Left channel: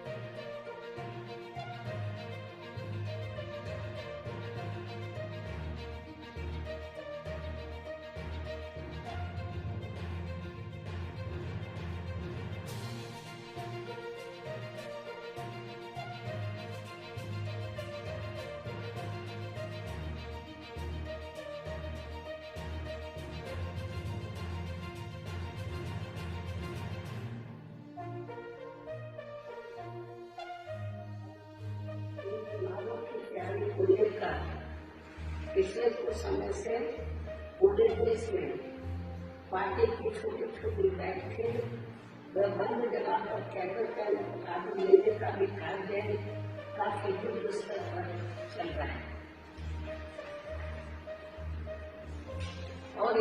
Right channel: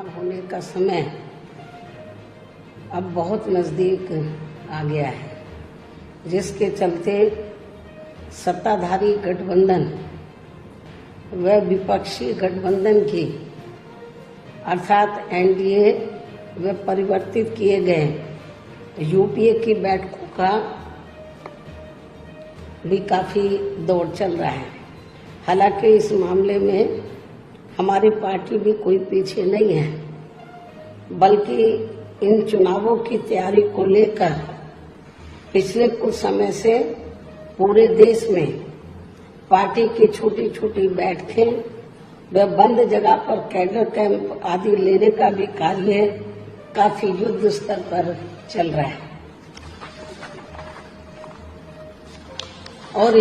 चुनाव होने का समय अब बहुत नज़दीक आ गया है, जिसके चलते सत्ताधारी गठबंधन व विपक्षी गठबंधन की अर्थात एनडीए व परिवर्तित किए गए यूपीए की बैठकों का भी काफ़ी दौर चल रहा है। हालांकि इस मामले में हमारी पार्टी भी कोई पीछे नहीं है, बल्कि इन चुनावों की तैयारी को लेकर पिछले कुछ समय से पूरे देश में पार्टी की छोटी छोटी बैठकें व बंद जगह पर कैडर कैंप आदि लेने का भी कार्य काफी युद्ध स्तर पर चल रहा है। और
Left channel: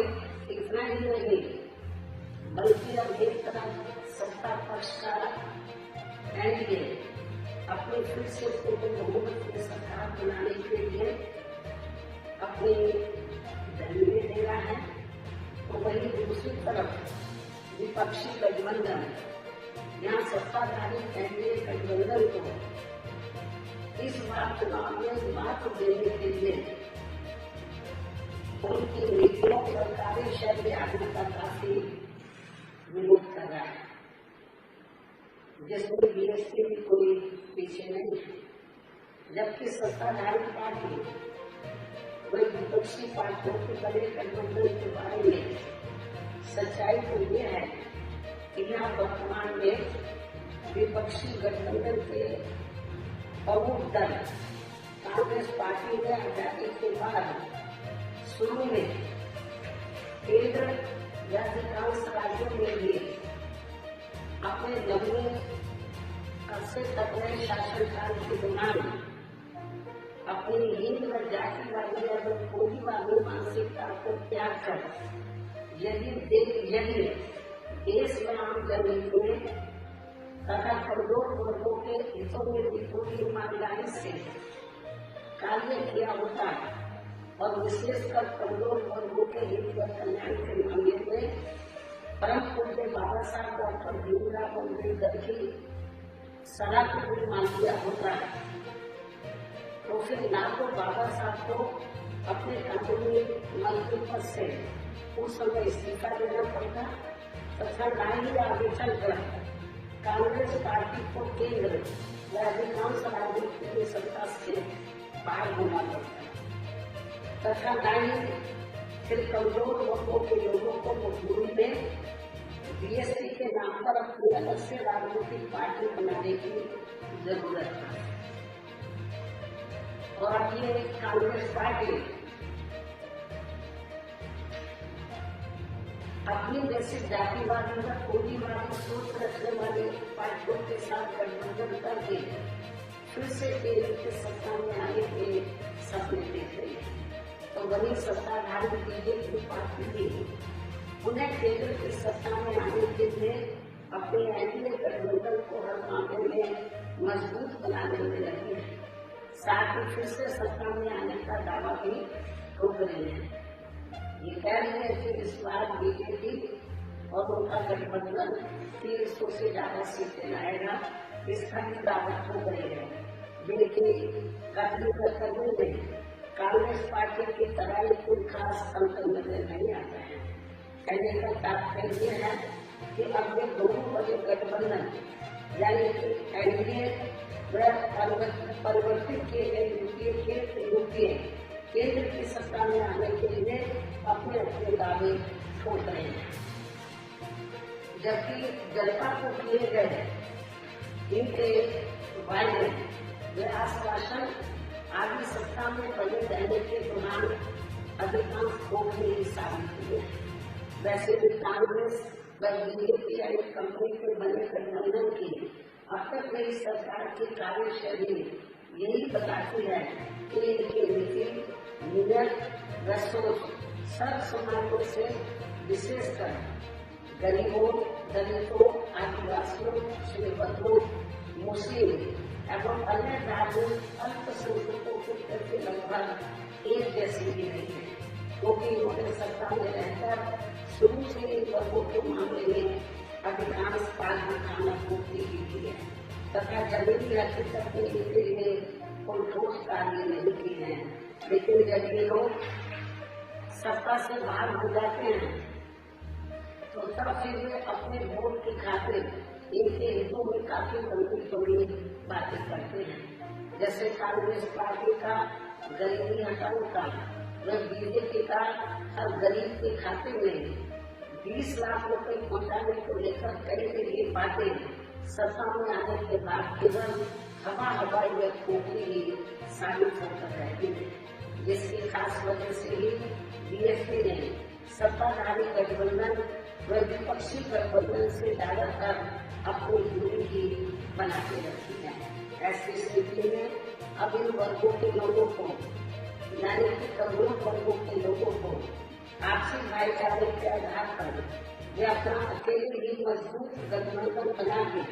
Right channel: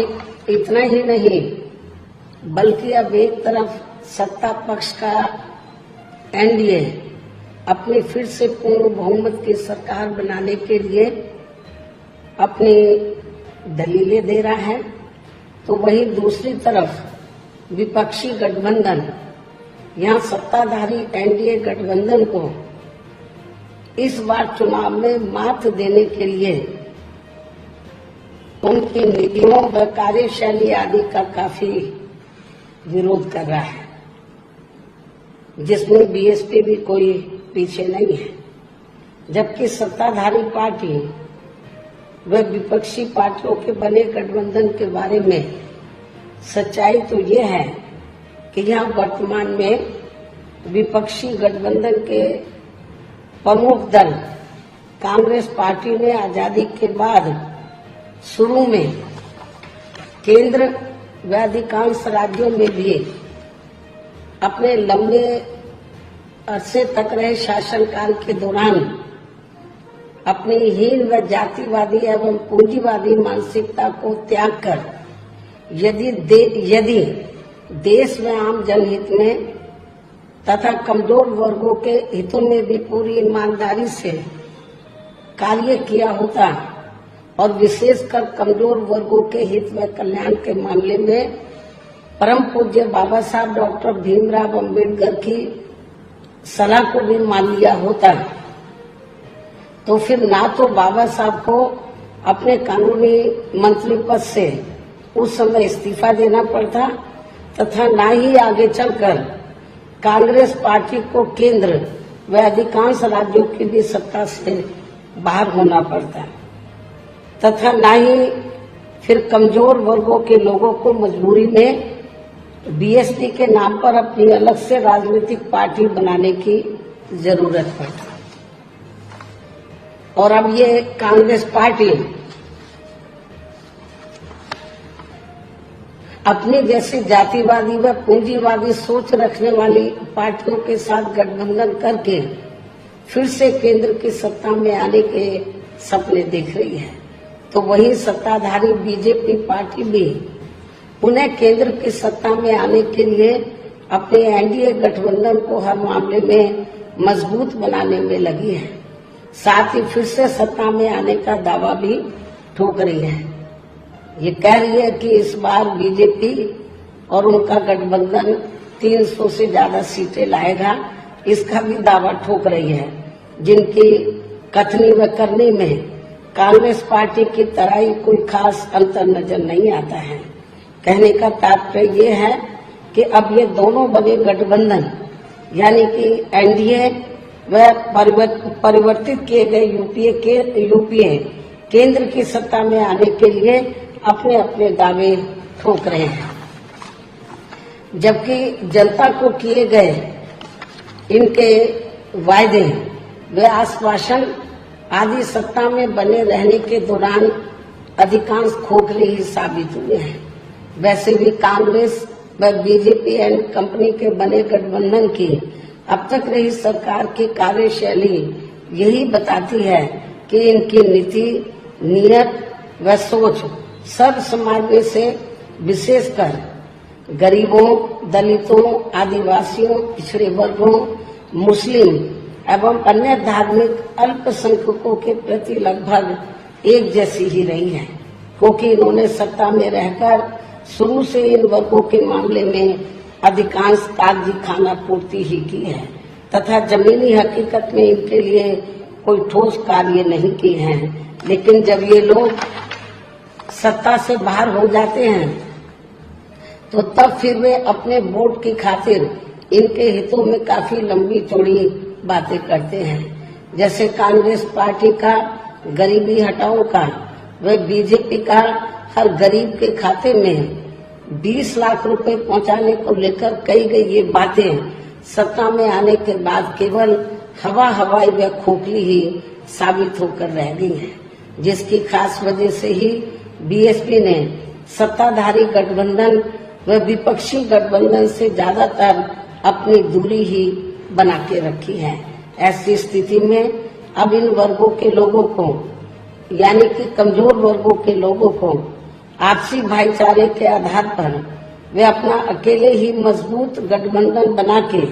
इतना ही नहीं, बल्कि अब एक तरफ सत्ता पक्ष का एनडीए अपनी फिर से पूर्ण बहुमत की सरकार बनाने के लिए अपनी दलीलें दे रहा है, तो वहीं दूसरी तरफ विपक्षी गठबंधन यहाँ सत्ताधारी एनडीए गठबंधन को इस बार चुनाव में मात देने के लिए उनकी नीतियों व कार्यशैली आदि का काफी विरोध कर रहा है, जिसमें बीएसपी भी कोई पीछे नहीं है। जबकि सत्ताधारी पार्टी व विपक्षी पार्टियों के बने गठबंधन के बारे में सच्चाई तो ये है कि यहाँ वर्तमान में विपक्षी गठबंधन के प्रमुख दल कांग्रेस पार्टी ने आजादी के बाद शुरू में केंद्र व अधिकांश राज्यों में भी अपने लंबे अरसे तक रहे शासनकाल के दौरान अपनी हीन व जातिवादी एवं पूंजीवादी मानसिकता को त्याग कर यदि देश व आम जनहित में तथा कमजोर वर्गों के हितों में भी पूरी ईमानदारी से कार्य किया होता और विशेषकर कमजोर वर्गों के हित व कल्याण के मामले में परम पूज्य बाबा साहब डॉक्टर भीमराव अंबेडकर की सलाह को भी मान लिया होता, तो फिर ना तो बाबा साहब को अपने कानूनी मंत्री पद से उस समय इस्तीफा देना पड़ता तथा ना ही आगे चलकर कांग्रेस पार्टी को केंद्र व अधिकांश राज्यों की भी सत्ता से बाहर होना पड़ता तथा ना ही फिर कमजोर वर्गों के लोगों को मजबूरी में बीएसपी के नाम पर अपनी अलग से राजनीतिक पार्टी बनाने की जरूरत पड़ती। और अब ये कांग्रेस पार्टी अपनी जैसी जातिवादी व पूंजीवादी सोच रखने वाली पार्टियों के साथ गठबंधन करके फिर से केंद्र की सत्ता में आने के सपने देख रही है, तो वही सत्ताधारी बीजेपी पार्टी भी उन्हें केंद्र की सत्ता में आने के लिए अपने एनडीए गठबंधन को हर मामले में मजबूत बनाने में लगी है। साथ ही फिर से सत्ता में आने का दावा भी ठोक रही है। ये कह रही है कि इस बार बीजेपी और उनका गठबंधन 300 से ज्यादा सीटें लाएगा, इसका भी दावा ठोक रही है, जिनकी कथनी व करनी में कांग्रेस पार्टी की तरह ही कोई खास अंतर नजर नहीं आता है। कहने का तात्पर्य ये है कि अब ये दोनों बड़े गठबंधन यानी कि एनडीए व परिवर्तित किए गए यूपीए केंद्र की सत्ता में आने के लिए अपने अपने दावे ठोक रहे हैं, जबकि जनता को किए गए इनके वायदे व आश्वासन आदि सत्ता में बने रहने के दौरान अधिकांश खोखले ही साबित हुए हैं। वैसे भी कांग्रेस व बीजेपी एंड कंपनी के बने गठबंधन की अब तक रही सरकार की कार्यशैली यही बताती है कि इनकी नीति, नीयत व सोच सब समाज में से विशेषकर गरीबों, दलितों, आदिवासियों, पिछड़े वर्गों, मुस्लिम एवं अन्य धार्मिक अल्पसंख्यकों के प्रति लगभग एक जैसी ही रही है, क्योंकि इन्होंने सत्ता में रहकर शुरू से इन वर्गों के मामले में अधिकांश कागजी खाना पूर्ति ही की है। तथा जमीनी हकीकत में इनके लिए कोई ठोस कार्य नहीं किए हैं। लेकिन जब ये लोग सत्ता से बाहर हो जाते हैं तो तब फिर वे अपने वोट की खातिर इनके हितों में काफी लंबी चौड़ी बातें करते हैं। जैसे कांग्रेस पार्टी का गरीबी हटाओ का व बीजेपी का हर गरीब के खाते में 20 लाख रुपए पहुंचाने को लेकर कही गई ये बातें सत्ता में आने के बाद केवल हवाई व खोखली ही साबित होकर रह गई है, जिसकी खास वजह से ही बीएसपी ने सत्ताधारी गठबंधन व विपक्षी गठबंधन से ज्यादातर अपनी दूरी ही बना के रखी है। ऐसी स्थिति में अब इन वर्गों के लोगों को यानी कि कमजोर वर्गों के लोगों को आपसी भाईचारे के आधार पर वे अपना अकेले ही मजबूत गठबंधन बना के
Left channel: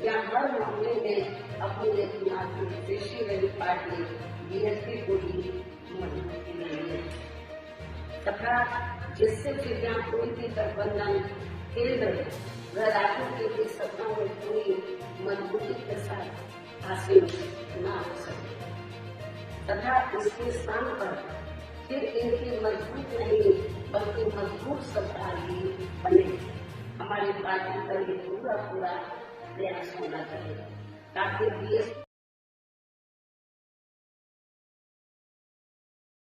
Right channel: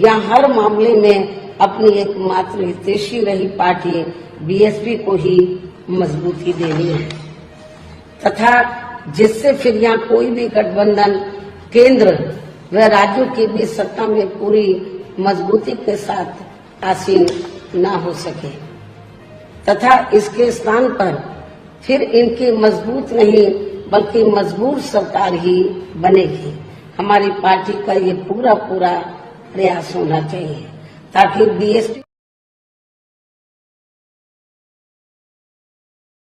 या हर मामले में अपनी एकमात्र हितैषी रही पार्टी बीएसपी को ही मजबूती देनी है तथा जिससे फिर यहाँ कोई भी गठबंधन केंद्र व राज्यों के बीच सत्ता में पूरी मजबूती के साथ आसीन न हो सके तथा इसके स्थान पर फिर इनकी मजबूत नहीं बल्कि मजबूर सरकार ही बनेगी। हमारी पार्टी का ये पूरा प्रयास होना चाहिए ताकि बीएसपी